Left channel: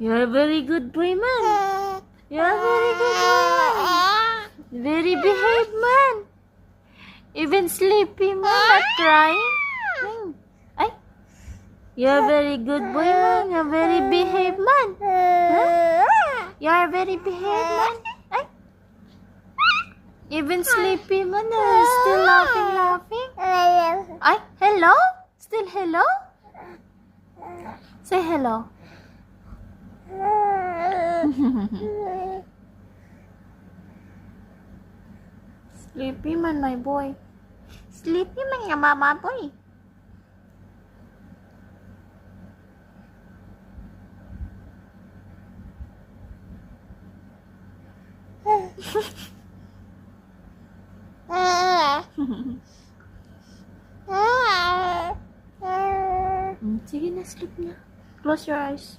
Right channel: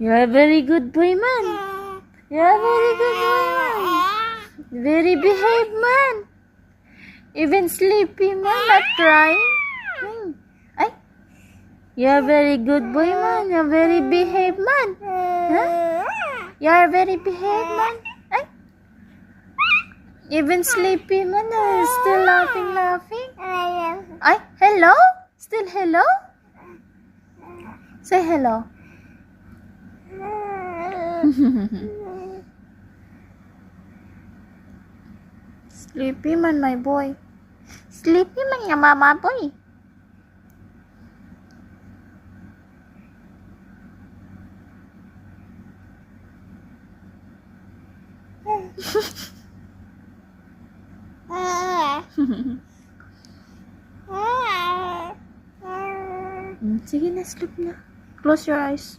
You're a very good boy, man. You're a very good boy, man. Very behaved, man. Even sleepy, man. Not crying. Ay. You're a very good boy, man. You're very behaved, man. Huh? You're a very behaved, man. Ay. Even sleepy, man. Still laughing. Ay, hello? Still hello? Say hello. Sleepy man, my boy. Sleepy man nga mama boy. Sige na, sleep na. Close your eyes.